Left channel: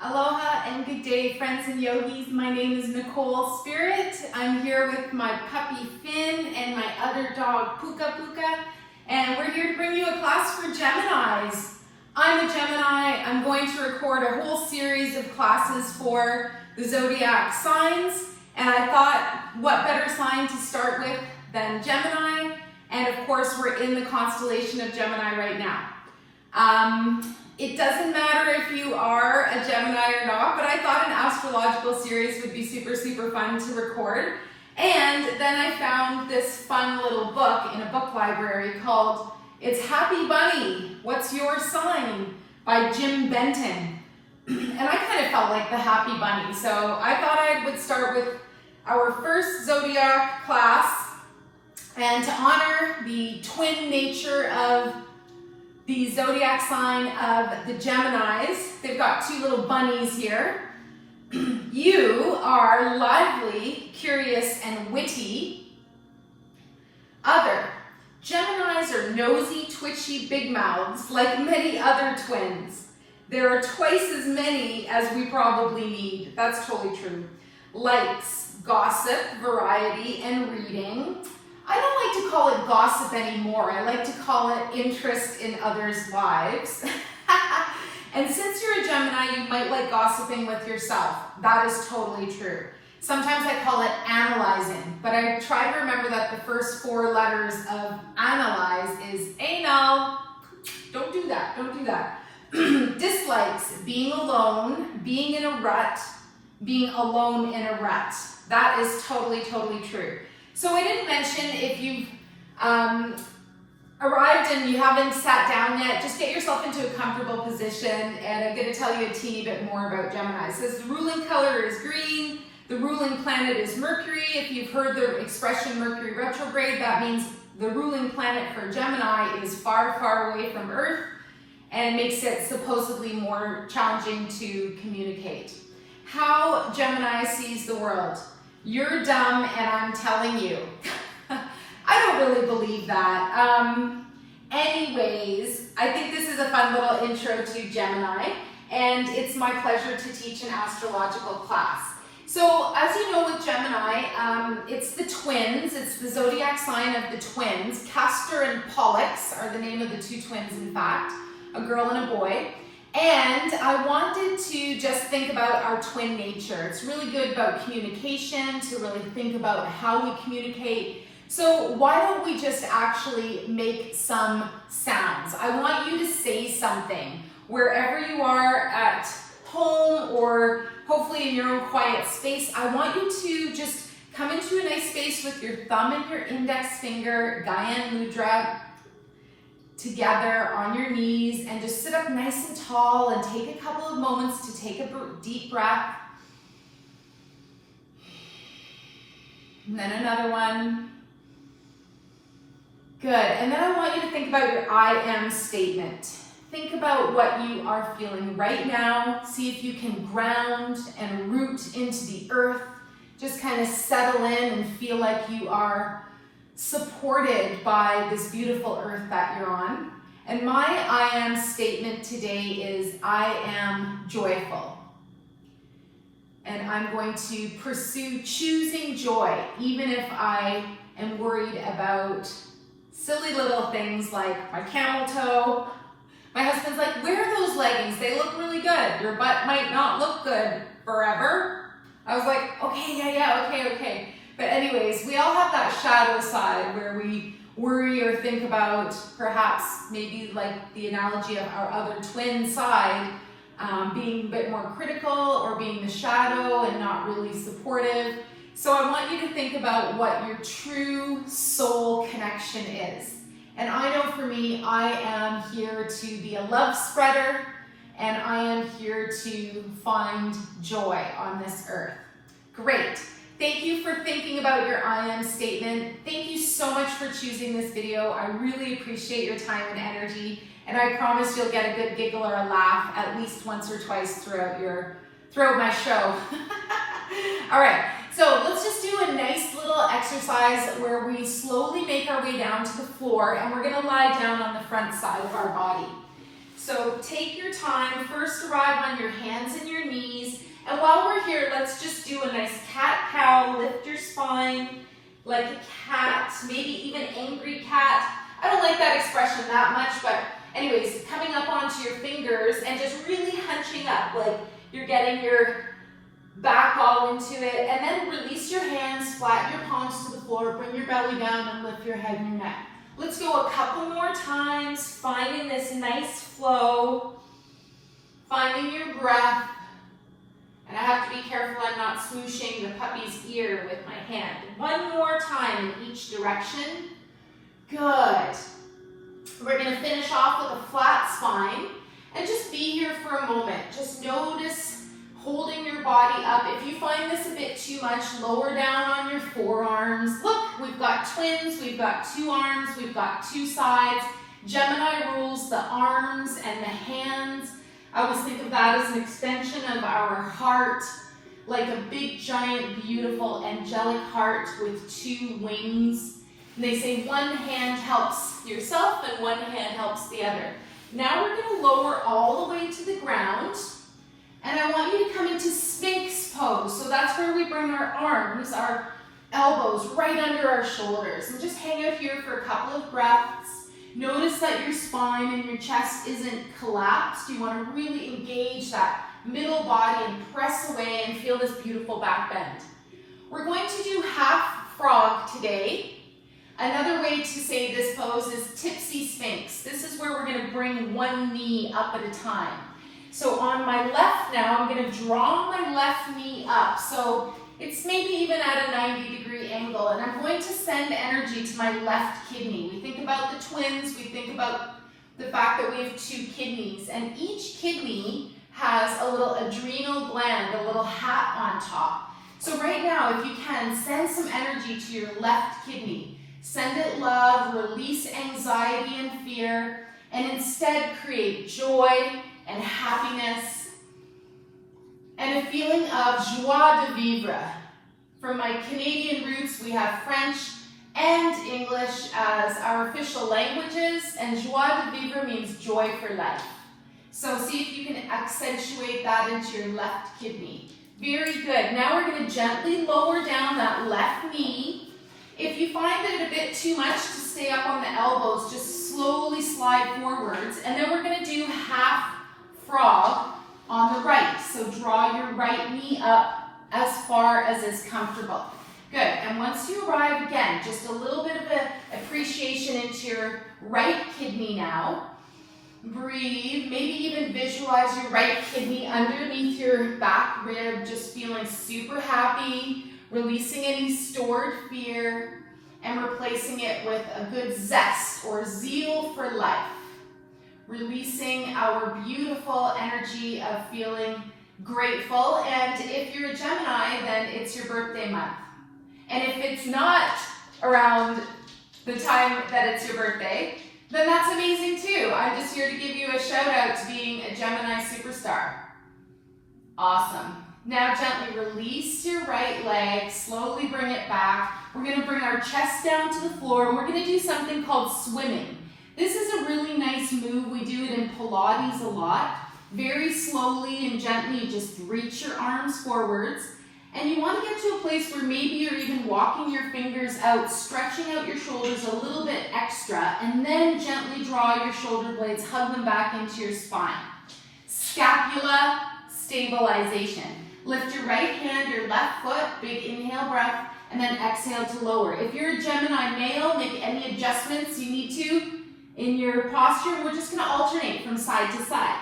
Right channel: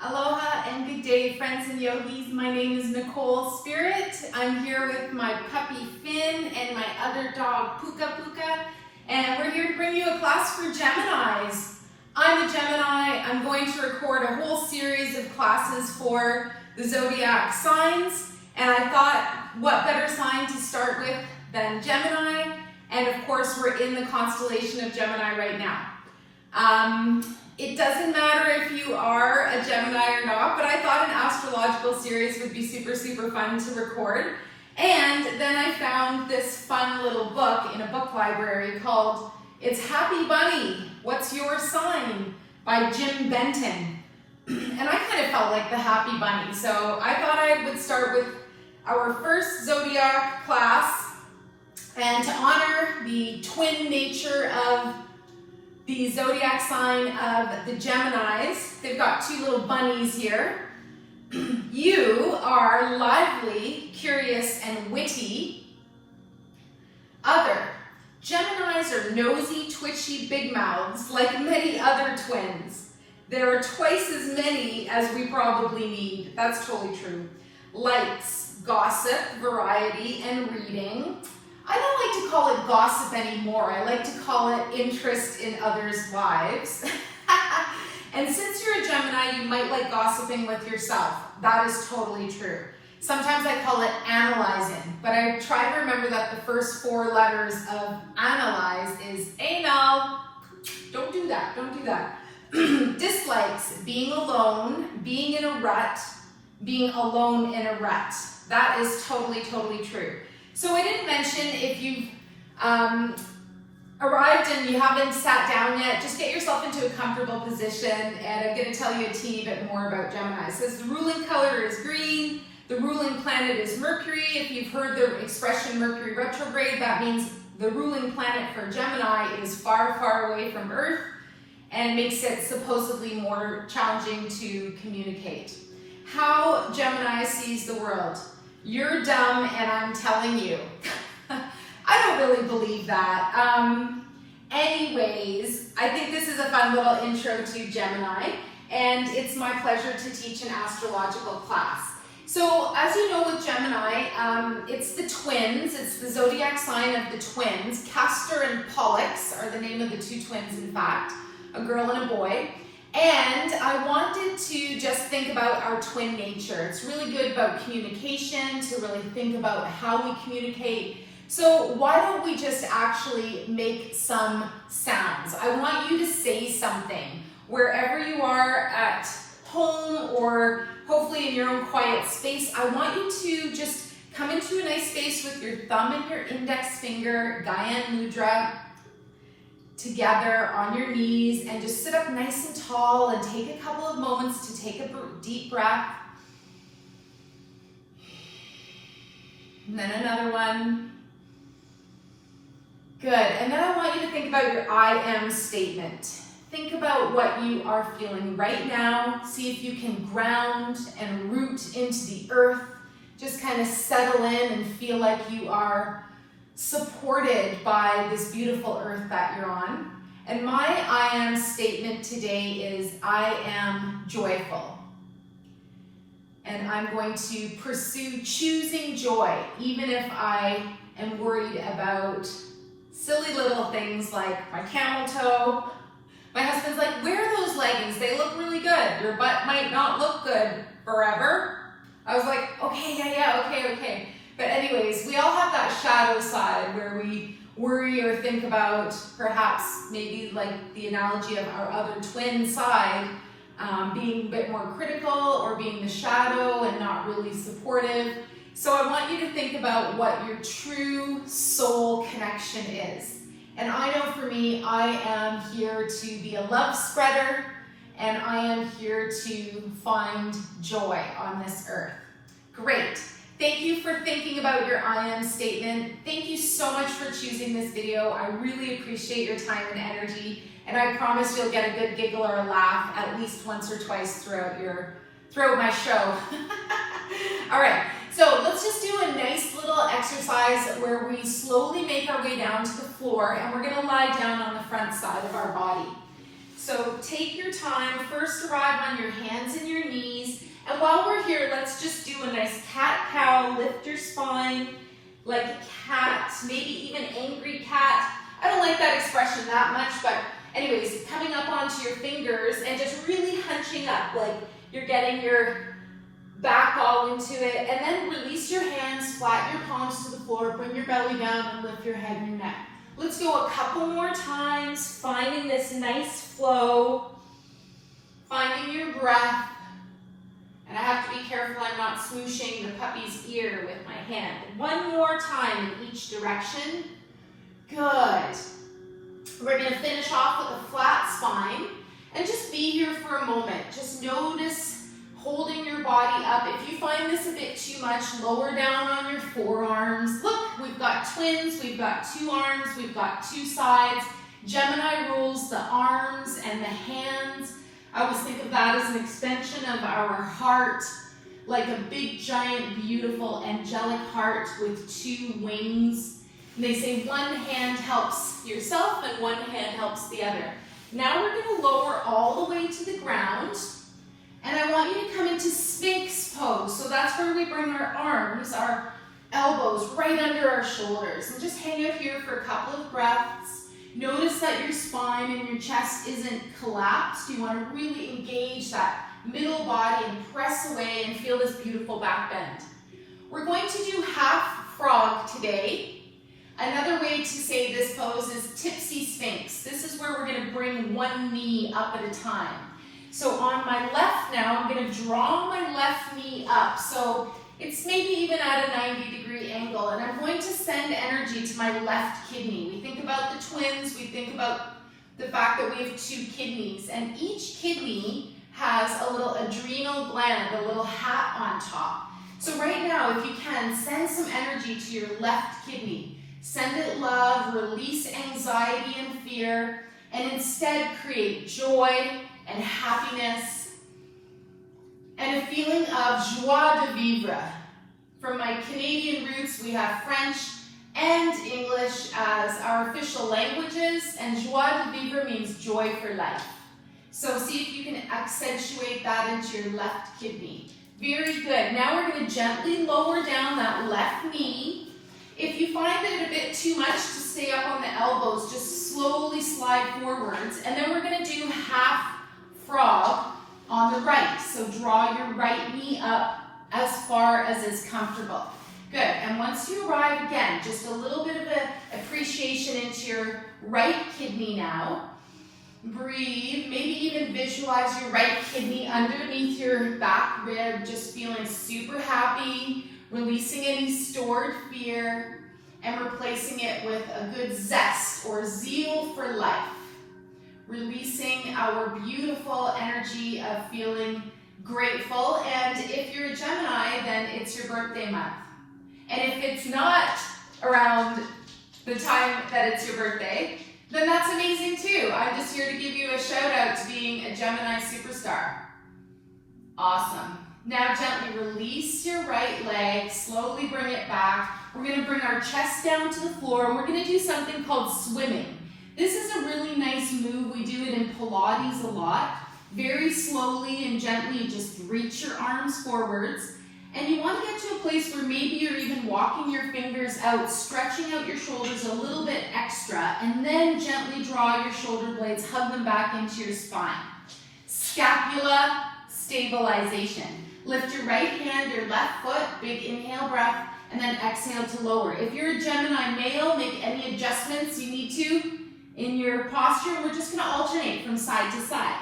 Aloha and good day, friends and yogis. My name is Nicole Spirit. I'm here with my puppy Finn and my other dog Puka, and we're here to bring you a class for Geminis. I'm a Gemini. I'm going to record a whole series of classes for the zodiac signs, and I thought what better sign to start with than Gemini, and of course we're in the constellation of Gemini right now. It doesn't matter if you are a Gemini or not, but I thought an astrological series would be super fun to record. And then I found this fun little book in a book library called It's Happy Bunny, What's Your Sign? By Jim Benton. And I kind of felt like the happy bunny, so I thought I would start with our first zodiac class, and to honor the twin nature of the zodiac sign of the Geminis. They've got two little bunnies here. You are lively, curious, and witty. Other. Geminis are nosy, twitchy, big mouths, like many other twins. There are twice as many as we probably need. That's totally true. Likes, gossip, variety, and reading. I don't like to call it gossip anymore. I like to call it interest in others' lives. And since you're a Gemini, you might like gossiping with yourself. That is totally true. Sometimes I call it analyzing, but I try to remember that the first four letters of analyze is anal. Don't do that, don't do that. Dislikes, being alone, being in a rut, being alone in a rut. That is totally true. So I didn't mention, if you've arrived and you haven't sat down yet, just get yourself into a comfortable position, and I'm going to tell you a teeny bit more about Gemini. It says the ruling color is green, the ruling planet is Mercury. If you've heard the expression Mercury retrograde, that means the ruling planet for Gemini is far away from Earth, and it makes it supposedly more challenging to communicate. How Gemini sees the world. You're dumb and I'm telling you. I don't really believe that. Anyways, I think this is a fun little intro to Gemini, and it's my pleasure to teach an astrological class. So as you know with Gemini, it's the twins. It's the zodiac sign of the twins. Castor and Pollux are the name of the two twins, in fact, a girl and a boy. And I wanted to just think about our twin nature. It's really good about communication, to really think about how we communicate. So why don't we just actually make some sounds? I want you to say something wherever you are, at home or hopefully in your own quiet space. I want you to just come into a nice space with your thumb and your index finger, Gyan Mudra, together on your knees, and just sit up nice and tall and take a couple of moments to take a deep breath. And then another one. Good. And then I want you to think about your I am statement. Think about what you are feeling right now. See if you can ground and root into the earth. Just kind of settle in and feel like you are supported by this beautiful earth that you're on. And my I am statement today is I am joyful. And I'm going to pursue choosing joy, even if I am worried about silly little things like my camel toe. My husband's like, wear those leggings, they look really good. Your butt might not look good forever. I was like, okay, yeah, okay. But anyways, we all have that shadow side where we worry or think about, perhaps maybe like the analogy of our other twin side, being a bit more critical or being the shadow and not really supportive. So I want you to think about what your true soul connection is. And I know for me, I am here to be a love spreader, and I am here to find joy on this earth. Great. Thank you for thinking about your I am statement. Thank you so much for choosing this video. I really appreciate your time and energy, and I promise you'll get a good giggle or a laugh at least once or twice throughout my show. All right, so let's just do a nice little exercise where we slowly make our way down to the floor, and we're gonna lie down on the front side of our body. So take your time. First arrive on your hands and your knees. And while we're here, let's just do a nice cat-cow. Lift your spine like a cat, maybe even angry cat. I don't like that expression that much, but anyways, coming up onto your fingers and just really hunching up, like you're getting your back all into it. And then release your hands, flatten your palms to the floor, bring your belly down and lift your head and your neck. Let's go a couple more times, finding this nice flow, finding your breath. And I have to be careful I'm not smooshing the puppy's ear with my hand. One more time in each direction. Good. We're going to finish off with a flat spine and just be here for a moment. Just notice holding your body up. If you find this a bit too much, lower down on your forearms. Look, we've got twins, we've got two arms, we've got two sides. Gemini rules the arms and the hands. I always think of that as an extension of our heart, like a big, giant, beautiful, angelic heart with two wings. And they say one hand helps yourself and one hand helps the other. Now we're going to lower all the way to the ground. And I want you to come into Sphinx pose. So that's where we bring our arms, our elbows right under our shoulders. And just hang out here for a couple of breaths. Notice that your spine and your chest isn't collapsed. You want to really engage that middle body and press away and feel this beautiful back bend. We're going to do half frog today. Another way to say this pose is tipsy Sphinx. This is where we're going to bring one knee up at a time. So on my left now, I'm going to draw my left knee up. So it's maybe even at a 90-degree angle, and I'm going to send energy to my left kidney. We think about the twins, we think about the fact that we have two kidneys, and each kidney has a little adrenal gland, a little hat on top. So right now, if you can, send some energy to your left kidney. Send it love, release anxiety and fear, and instead create joy and happiness and a feeling of joie de vivre. From my Canadian roots, we have French and English as our official languages, and joie de vivre means joy for life. So see if you can accentuate that into your left kidney. Very good. Now we're going to gently lower down that left knee. If you find it a bit too much to stay up on the elbows, just slowly slide forwards, and then we're going to do half frog on the right. So draw your right knee up as far as is comfortable. Good. And once you arrive, again, just a little bit of an appreciation into your right kidney now. Breathe. Maybe even visualize your right kidney underneath your back rib, just feeling super happy, releasing any stored fear, and replacing it with a good zest or zeal for life. Releasing our beautiful energy of feeling grateful. And if you're a Gemini, then it's your birthday month. And if it's not around the time that it's your birthday, then that's amazing too. I'm just here to give you a shout out to being a Gemini superstar. Awesome. Now gently release your right leg, slowly bring it back. We're going to bring our chest down to the floor, and we're going to do something called swimming. This is a really nice move. We do it in Pilates a lot. Very slowly and gently, you just reach your arms forwards. And you want to get to a place where maybe you're even walking your fingers out, stretching out your shoulders a little bit extra, and then gently draw your shoulder blades, hug them back into your spine. Scapula stabilization. Lift your right hand, your left foot, big inhale breath, and then exhale to lower. If you're a Gemini male, make any adjustments you need to in your posture. We're just going to alternate from side to side.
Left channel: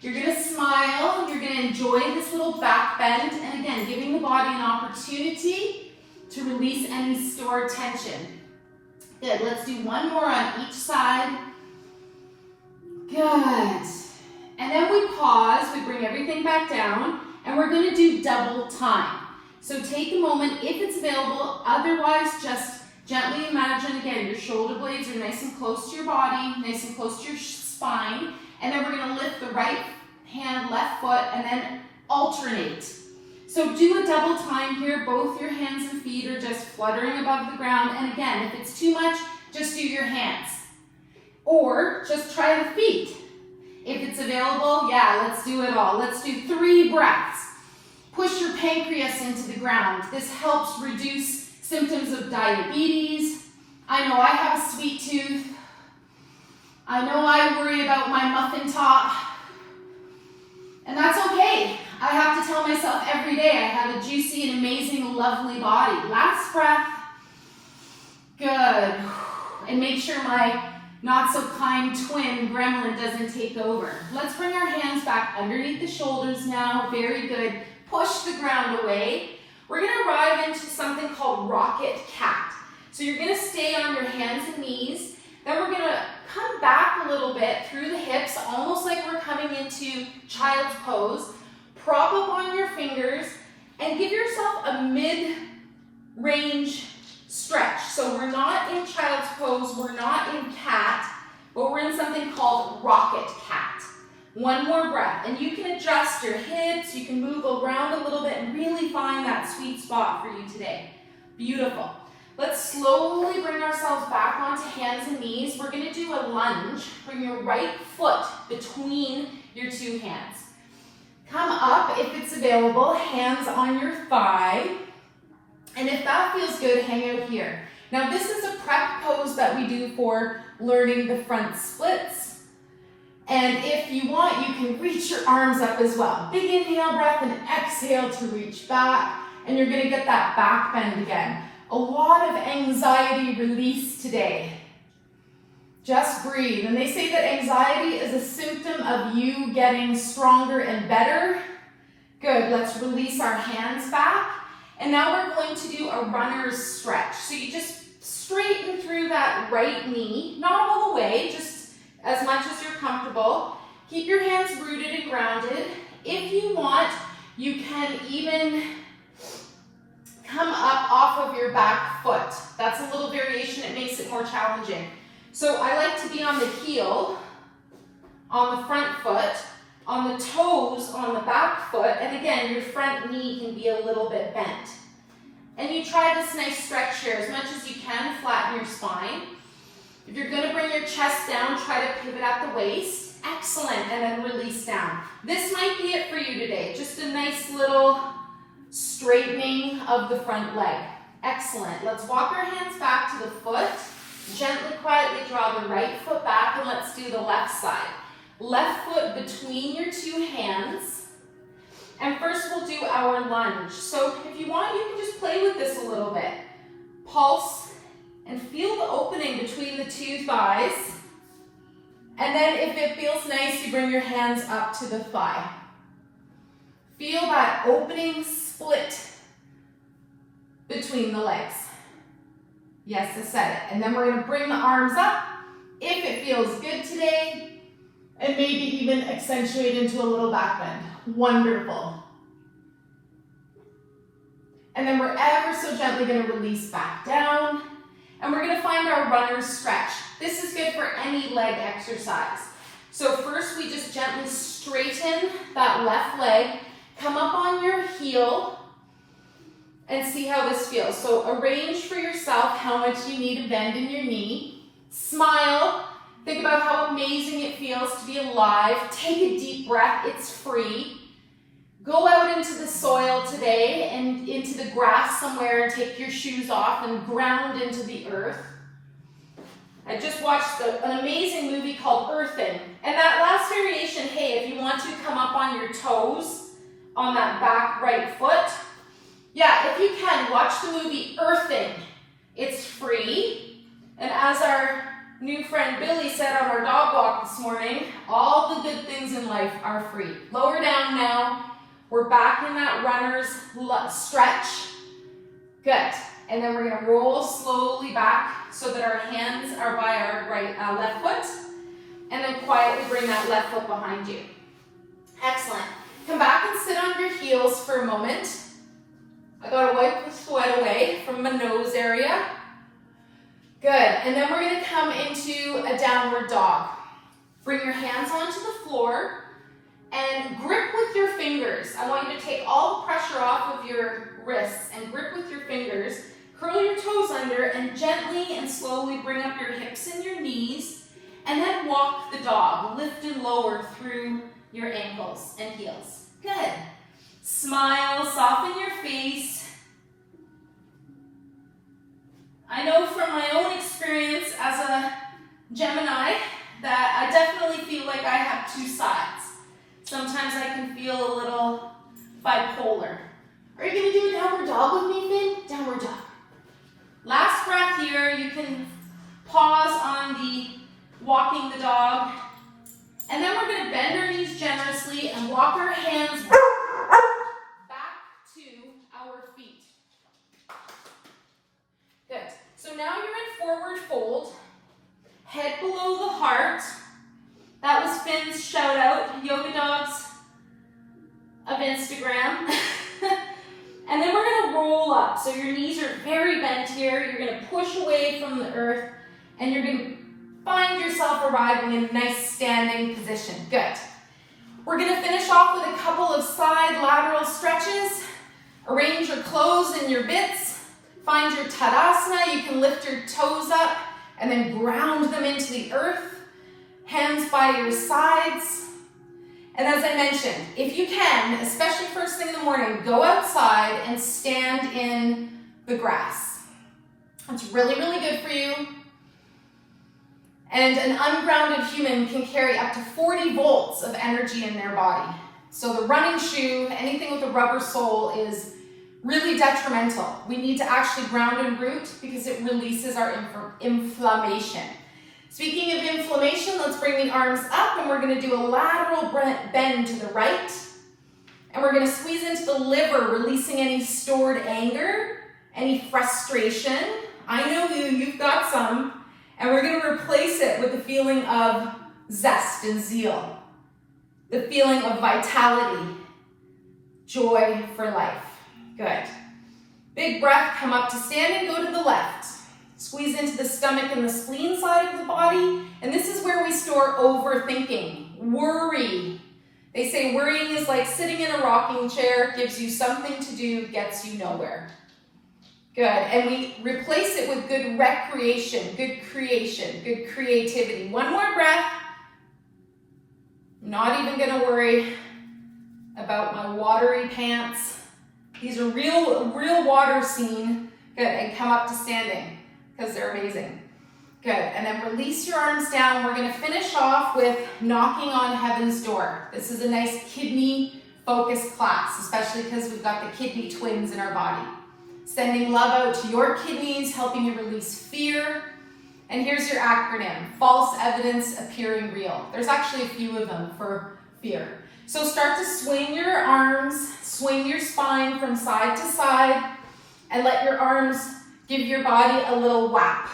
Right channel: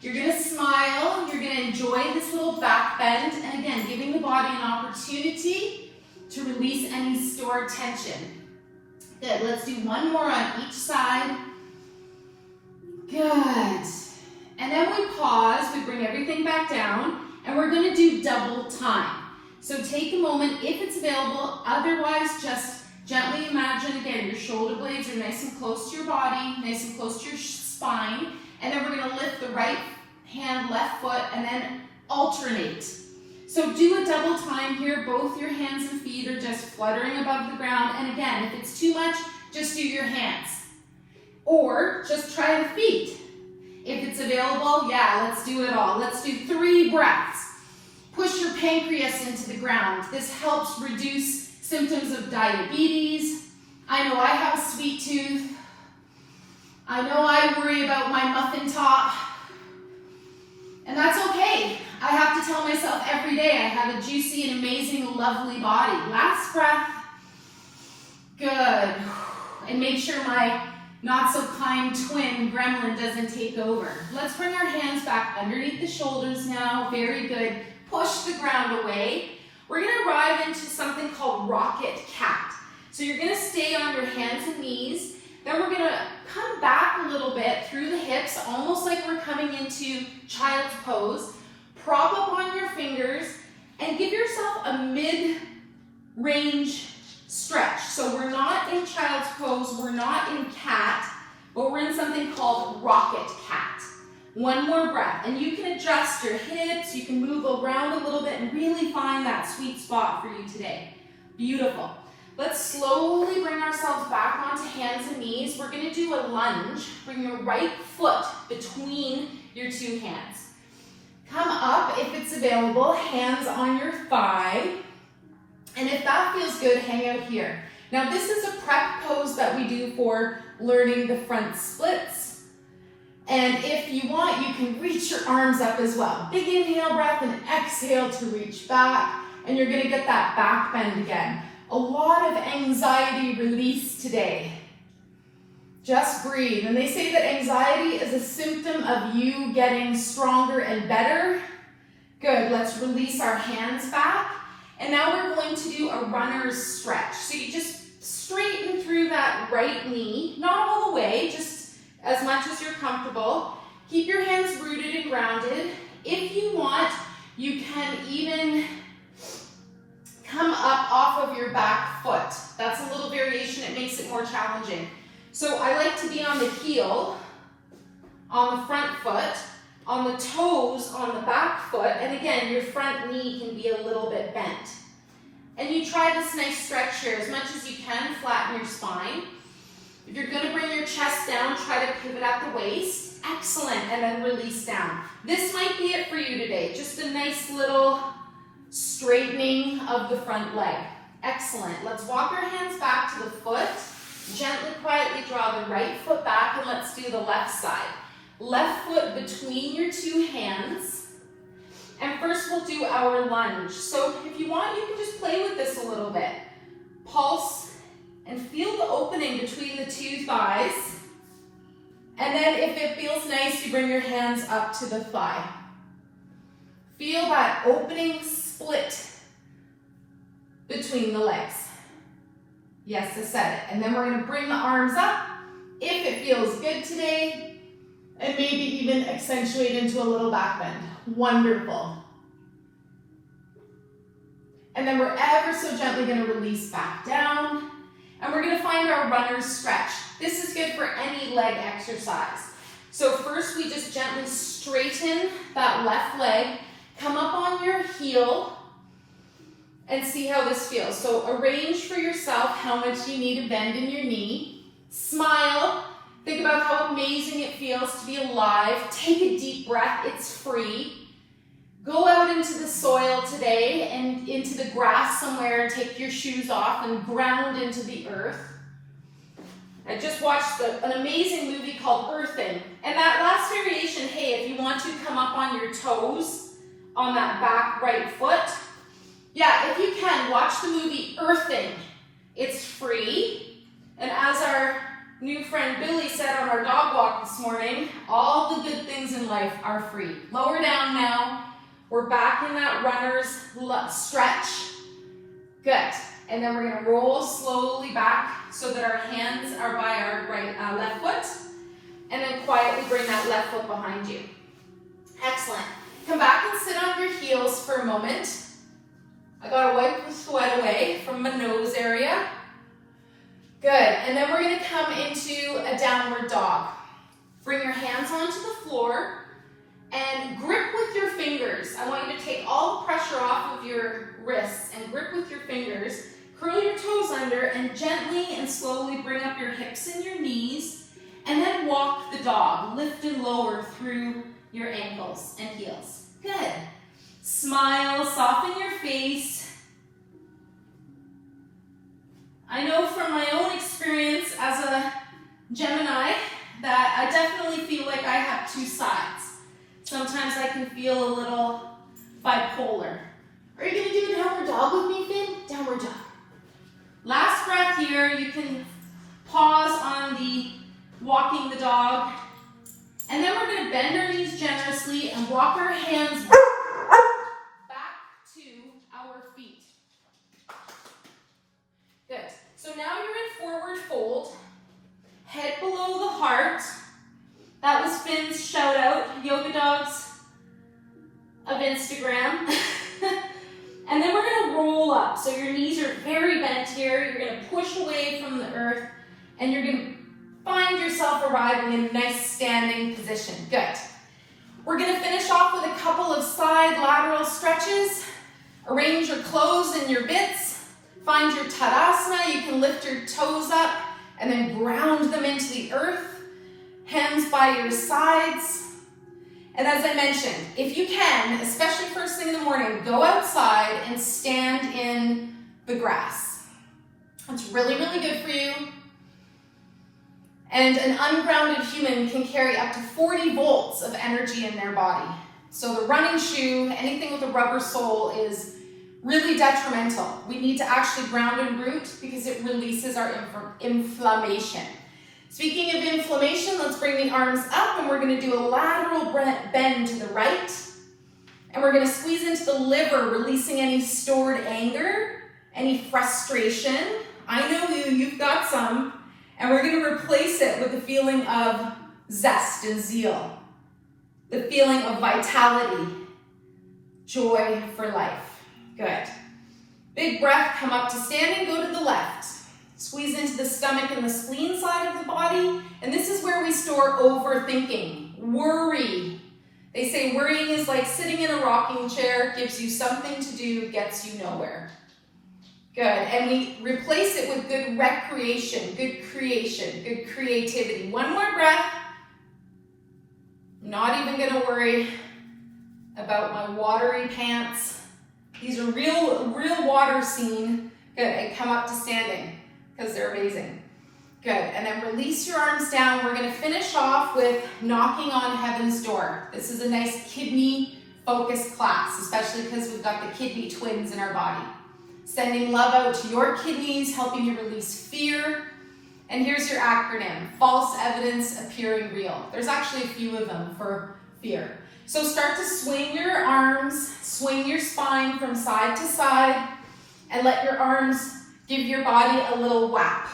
You're going to smile, you're going to enjoy this little back bend, and again, giving the body an opportunity to release any stored tension. Good, let's do one more on each side. Good. And then we pause, we bring everything back down, and we're going to do double time. So take a moment if it's available, otherwise just gently imagine, again, your shoulder blades are nice and close to your body, nice and close to your spine. And then we're going to lift the right hand, left foot, and then alternate. So do a double time here. Both your hands and feet are just fluttering above the ground. And again, if it's too much, just do your hands. Or just try the feet. If it's available, yeah, let's do it all. Let's do 3 breaths. Push your pancreas into the ground. This helps reduce symptoms of diabetes. I know I have a sweet tooth. I know I worry about my muffin top. And that's okay. I have to tell myself every day I have a juicy and amazing, lovely body. Last breath. Good. And make sure my not so kind twin gremlin doesn't take over. Let's bring our hands back underneath the shoulders now. Very good. Push the ground away. We're going to arrive into something called rocket cat. So you're going to stay on your hands and knees. Then we're going to come back a little bit through the hips, almost like we're coming into child's pose. Prop up on your fingers and give yourself a mid-range stretch. So we're not in child's pose, we're not in cat, but we're in something called rocket cat. 1 more breath, and you can adjust your hips, you can move around a little bit and really find that sweet spot for you today. Beautiful. Let's slowly bring ourselves back onto hands and knees. We're going to do a lunge. Bring your right foot between your 2 hands. Come up if it's available, hands on your thigh. And if that feels good, hang out here. Now this is a prep pose that we do for learning the front splits. And if you want, you can reach your arms up as well. Big inhale breath and exhale to reach back. And you're going to get that back bend again. A lot of anxiety release today. Just breathe. And they say that anxiety is a symptom of you getting stronger and better. Good. Let's release our hands back. And now we're going to do a runner's stretch. So you just straighten through that right knee, not all the way, just as much as you're comfortable. Keep your hands rooted and grounded. If you want, you can even come up off of your back foot. That's a little variation, it makes it more challenging. So I like to be on the heel, on the front foot, on the toes, on the back foot, and again, your front knee can be a little bit bent. And you try this nice stretch here as much as you can, flatten your spine. If you're gonna bring your chest down, try to pivot at the waist. Excellent, and then release down. This might be it for you today, just a nice little straightening of the front leg. Excellent. Let's walk our hands back to the foot. Gently, quietly draw the right foot back, and let's do the left side. Left foot between your 2 hands. And first we'll do our lunge. So if you want, you can just play with this a little bit. Pulse and feel the opening between the 2 thighs. And then if it feels nice, you bring your hands up to the thigh. Feel that opening split between the legs. Yes, I said it. And then we're going to bring the arms up if it feels good today, and maybe even accentuate into a little back bend. Wonderful. And then we're ever so gently going to release back down, and we're going to find our runner's stretch. This is good for any leg exercise. So first we just gently straighten that left leg, come up on your heel, and see how this feels. So arrange for yourself how much you need to bend in your knee. Smile. Think about how amazing it feels to be alive. Take a deep breath. It's free. Go out into the soil today and into the grass somewhere and take your shoes off and ground into the earth. I just watched an amazing movie called Earthing. And that last variation, hey, if you want to come up on your toes on that back right foot, yeah, if you can, watch the movie Earthing. It's free. And as our new friend Billy said on our dog walk this morning, all the good things in life are free. Lower down now. We're back in that runner's stretch. Good. And then we're going to roll slowly back so that our hands are by our left foot. And then quietly bring that left foot behind you. Excellent. Come back and sit on your heels for a moment. I gotta wipe the sweat away from my nose area. Good, and then we're gonna come into a downward dog. Bring your hands onto the floor and grip with your fingers. I want you to take all the pressure off of your wrists and grip with your fingers. Curl your toes under and gently and slowly bring up your hips and your knees And then walk the dog, lift and lower through your ankles and heels. Good. Smile, soften your face. I know from my own experience as a Gemini that I definitely feel like I have two sides. Sometimes I can feel a little bipolar. Are you going to do a downward dog with me, Finn? Downward dog. Last breath here. You can pause on the walking the dog. And then we're going to bend our knees generously and walk our hands back to our feet. Good. So now you're in forward fold. Head below the heart. That was Finn's shout out, Yoga Dogs of Instagram. And then we're going to roll up. So your knees are very bent here. You're going to push away from the earth and you're going to find yourself arriving in a nice standing position. Good. We're going to finish off with a couple of side lateral stretches. Arrange your clothes and your bits. Find your Tadasana. You can lift your toes up and then ground them into the earth. Hands by your sides. And as I mentioned, if you can, especially first thing in the morning, go outside and stand in the grass. It's really, really good for you. And an ungrounded human can carry up to 40 volts of energy in their body. So the running shoe, anything with a rubber sole, is really detrimental. We need to actually ground and root because it releases our inflammation. Speaking of inflammation, let's bring the arms up and we're going to do a lateral bend to the right. And we're going to squeeze into the liver, releasing any stored anger, any frustration. I know you've got some. And we're going to replace it with the feeling of zest and zeal. The feeling of vitality, joy for life. Good. Big breath, come up to standing, go to the left. Squeeze into the stomach and the spleen side of the body. And this is where we store overthinking, worry. They say worrying is like sitting in a rocking chair, gives you something to do, gets you nowhere. Good. And we replace it with good recreation, good creation, good creativity. One more breath. Not even going to worry about my watery pants. These are real water scene. Good. And come up to standing because they're amazing. Good. And then release your arms down. We're going to finish off with knocking on heaven's door. This is a nice kidney focused class, especially because we've got the kidney twins in our body. Sending love out to your kidneys, helping you release fear. And here's your acronym, false evidence appearing real. There's actually a few of them for fear. So start to swing your arms, swing your spine from side to side, and let your arms give your body a little whap.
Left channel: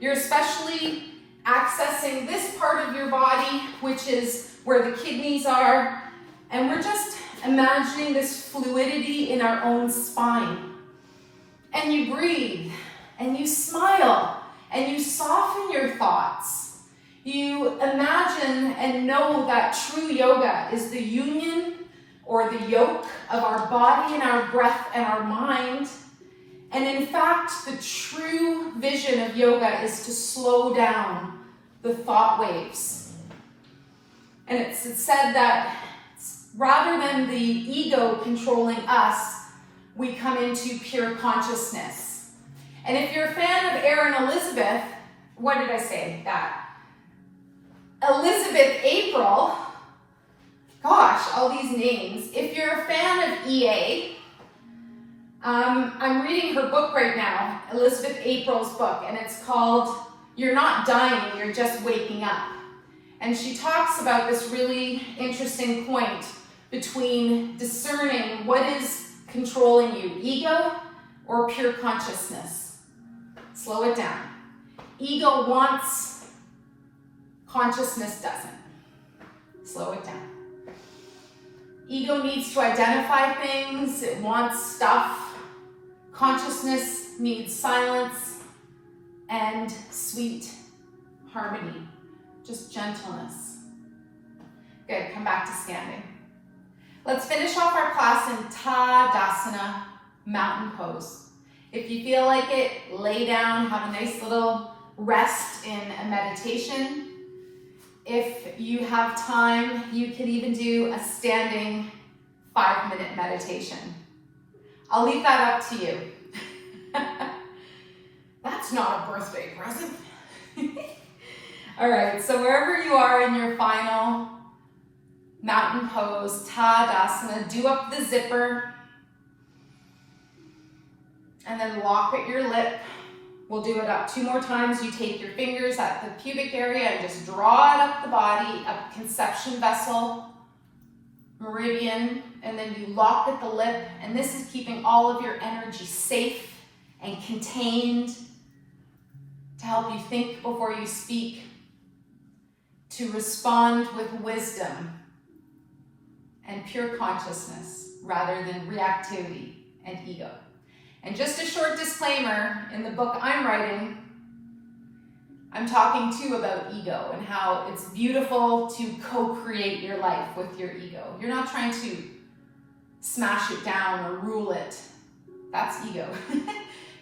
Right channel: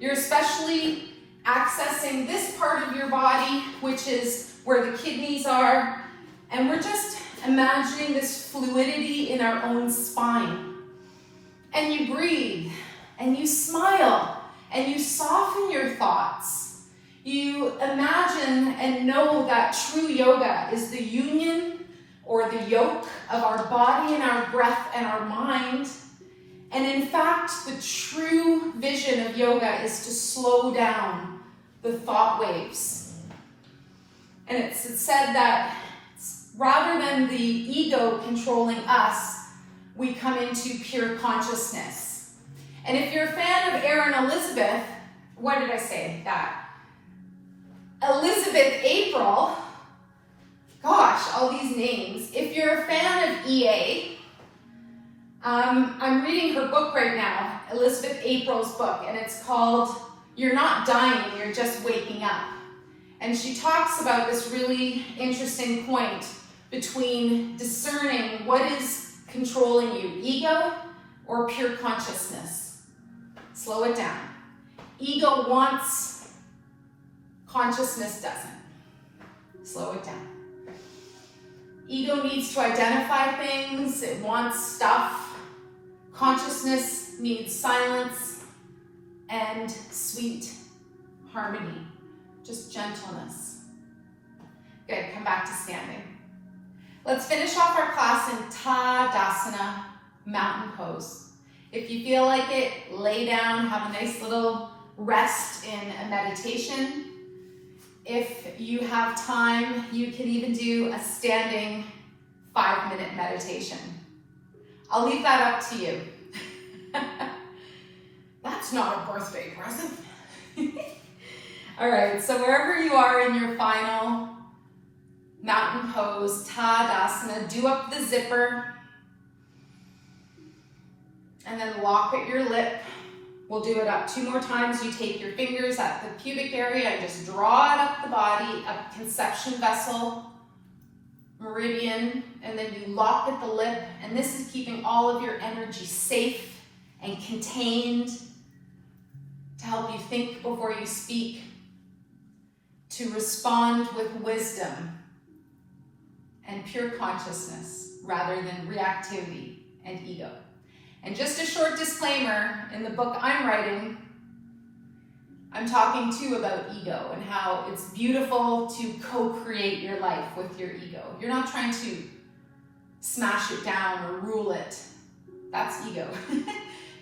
You're especially accessing this part of your body, which is where the kidneys are. And we're just imagining this fluidity in our own spine. And you breathe, and you smile, and you soften your thoughts. You imagine and know that true yoga is the union or the yoke of our body and our breath and our mind. And in fact, the true vision of yoga is to slow down the thought waves. And it's said that rather than the ego controlling us, we come into pure consciousness. And if you're a fan of Erin Elizabeth, what did I say? That. Elizabeth April, gosh, all these names. If you're a fan of EA, I'm reading her book right now, Elizabeth April's book, and it's called You're Not Dying, You're Just Waking Up. And she talks about this really interesting point between discerning what is controlling you, ego or pure consciousness. Slow it down. Ego wants, consciousness doesn't. Slow it down. Ego needs to identify things, it wants stuff. Consciousness needs silence and sweet harmony, just gentleness. Good, come back to standing. Let's finish off our class in Tadasana, mountain pose. If you feel like it, lay down, have a nice little rest in a meditation. If you have time, you can even do a standing 5-minute meditation. I'll leave that up to you. That's not a birthday present. All right, so wherever you are in your final mountain pose, Tadasana, do up the zipper and then lock at your lip. We'll do it up 2 more times. You take your fingers at the pubic area and just draw it up the body, up conception vessel, meridian, and then you lock at the lip. And this is keeping all of your energy safe and contained to help you think before you speak, to respond with wisdom and pure consciousness rather than reactivity and ego. And just a short disclaimer, in the book I'm writing, I'm talking too about ego and how it's beautiful to co-create your life with your ego. You're not trying to smash it down or rule it. That's ego.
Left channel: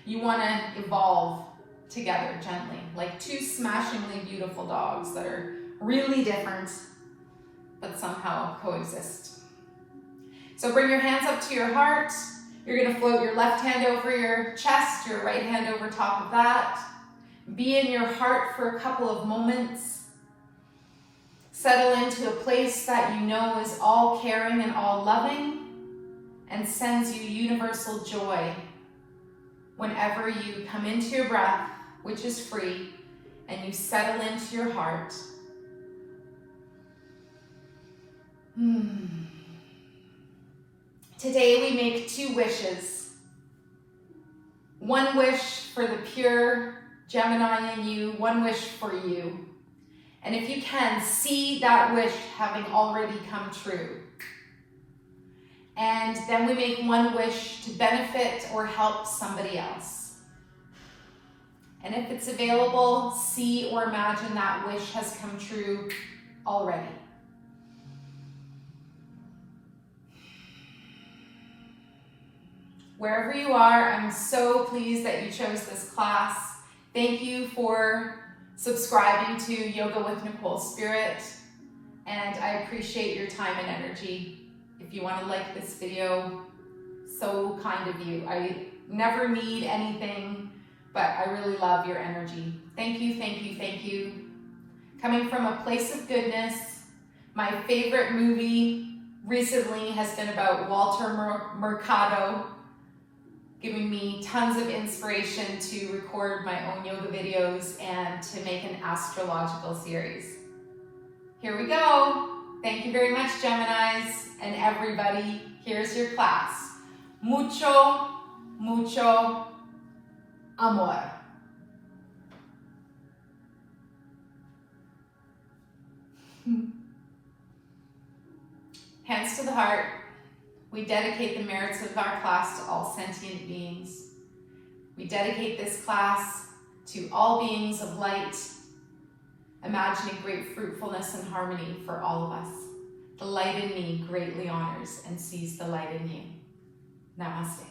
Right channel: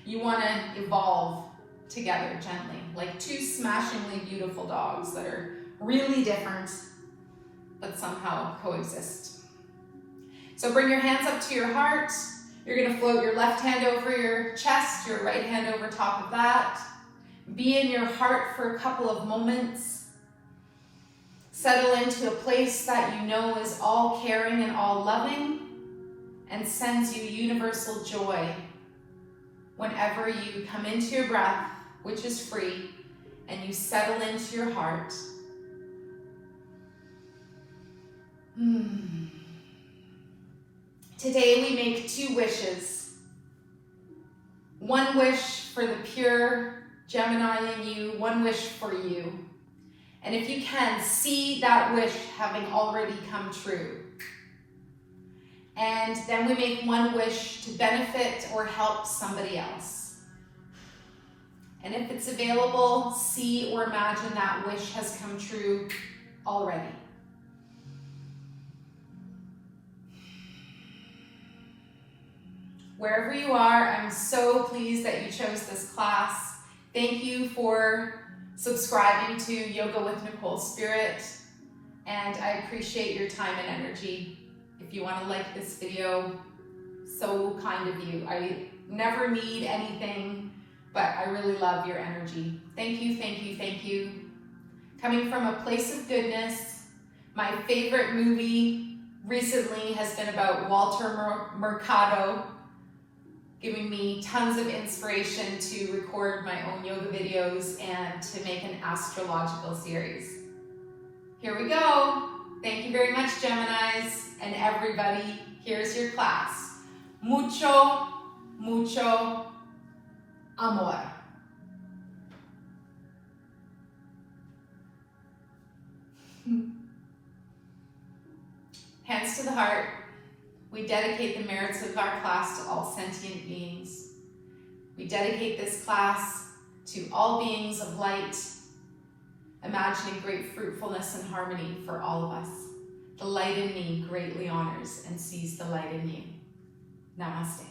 You want to evolve together gently, like 2 smashingly beautiful dogs that are really different, but somehow coexist. So bring your hands up to your heart. You're going to float your left hand over your chest, your right hand over top of that. Be in your heart for a couple of moments. Settle into a place that you know is all caring and all loving and sends you universal joy whenever you come into your breath, which is free, and you settle into your heart. Today we make 2 wishes. 1 wish for the pure Gemini in you, 1 wish for you. And if you can, see that wish having already come true. And then we make 1 wish to benefit or help somebody else. And if it's available, see or imagine that wish has come true already. Wherever you are, I'm so pleased that you chose this class. Thank you for subscribing to Yoga with Nicole Spirit, and I appreciate your time and energy. If you want to like this video, so kind of you. I never need anything, but I really love your energy. Thank you, thank you, thank you. Coming from a place of goodness, my favorite movie recently has been about Walter Mercado, giving me tons of inspiration to record my own yoga videos and to make an astrological series. Here we go. Thank you very much, Geminis, and everybody. Here's your class. Mucho, mucho amor. Hands to the heart. We dedicate the merits of our class to all sentient beings. We dedicate this class to all beings of light, imagining great fruitfulness and harmony for all of us. The light in me greatly honors and sees the light in you. Namaste.